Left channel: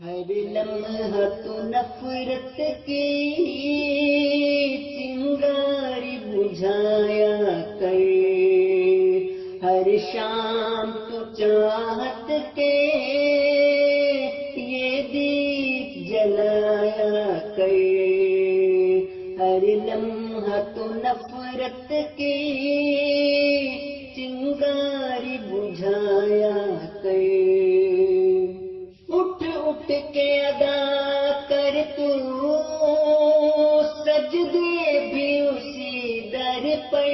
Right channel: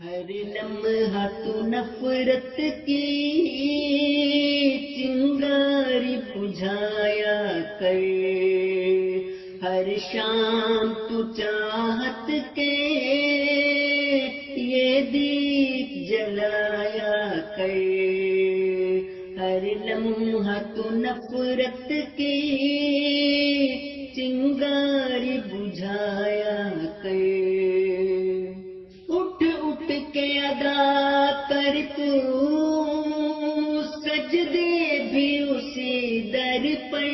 ہر لمحہ تو نفرت کی چنگاری بجھایا کر، ہر شام تو چاہت کے یہ دیپ جلایا کر، ہر لمحہ تو نفرت کی چنگاری بجھایا کر، اٹھ اٹھ کے ادا کر تو سجدے بھی اسی در پر،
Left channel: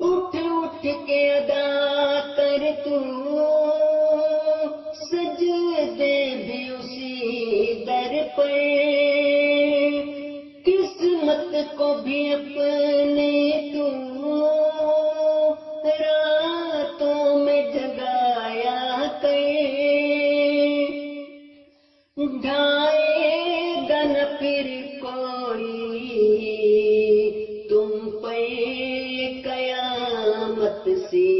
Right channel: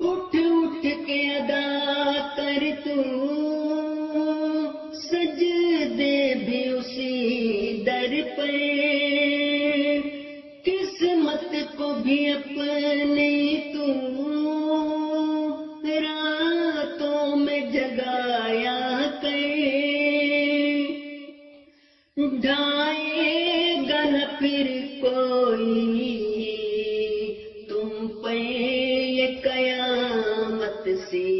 اٹھ اٹھ کے ادا کر تو سجدے بھی اسی در پر، قسمت کو بھی اپنی تو راتوں میں جگایا کر، ڈھائے گا نہ پھر کوئی تم پہ یہ قیامت سی،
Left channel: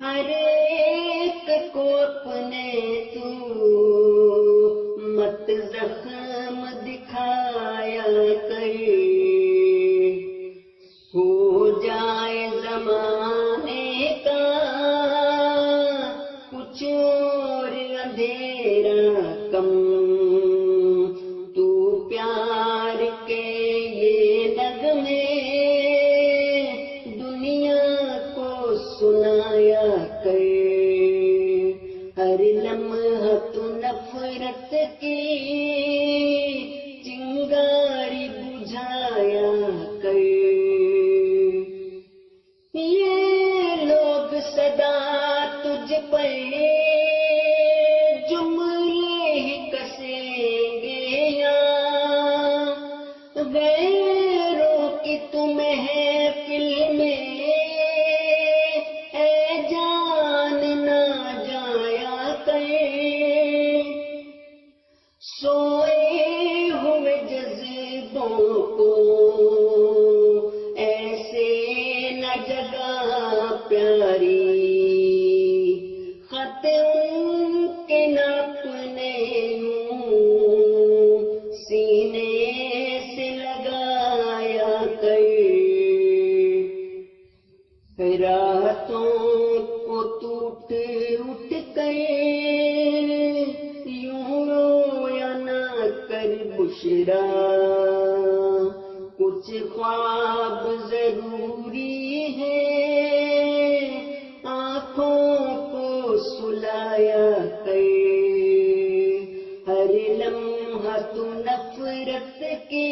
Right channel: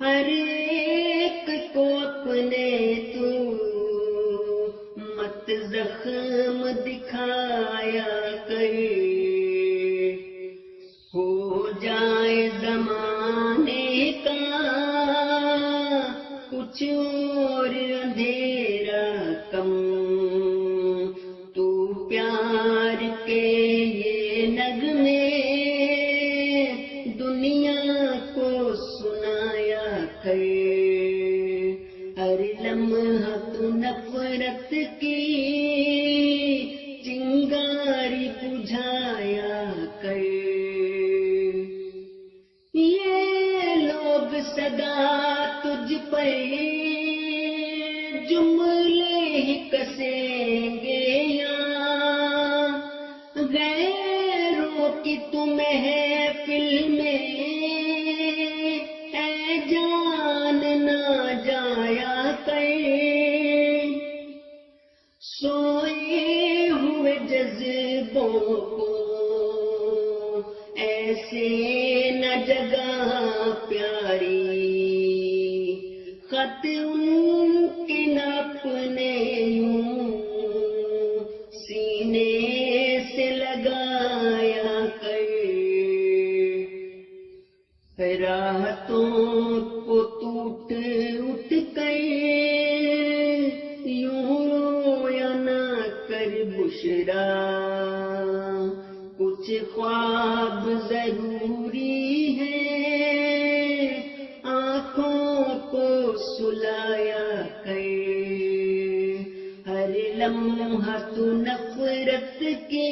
ہر ایک کو اپنے تو مت زخم دکھایا کر، ہو جائے زمانے کا کچھ اور اندھیرا کم، تو پیار کے یہ نغمے دنیا کو سنایا کر، ہر لمحہ تو نفرت کی چنگاری بجھایا کر، یہ لوگ صدا تجھ پر جملے ہی کسیں گے یا غیروں کی تو محفل میں اے جان نہ جایا کر، سوئے ہوئے جذبوں کو ایسے نہ جگہ پیاری، خط ان کے ناپنے یوں سینے سے لگایا کر، راحتوں کو ٹوٹ اٹھ کر یوں رویا نہ کر بشرا، کچھ خواب ضروری ہے آنکھوں کو سلایا کر، ہر لمحہ تو نفرت کی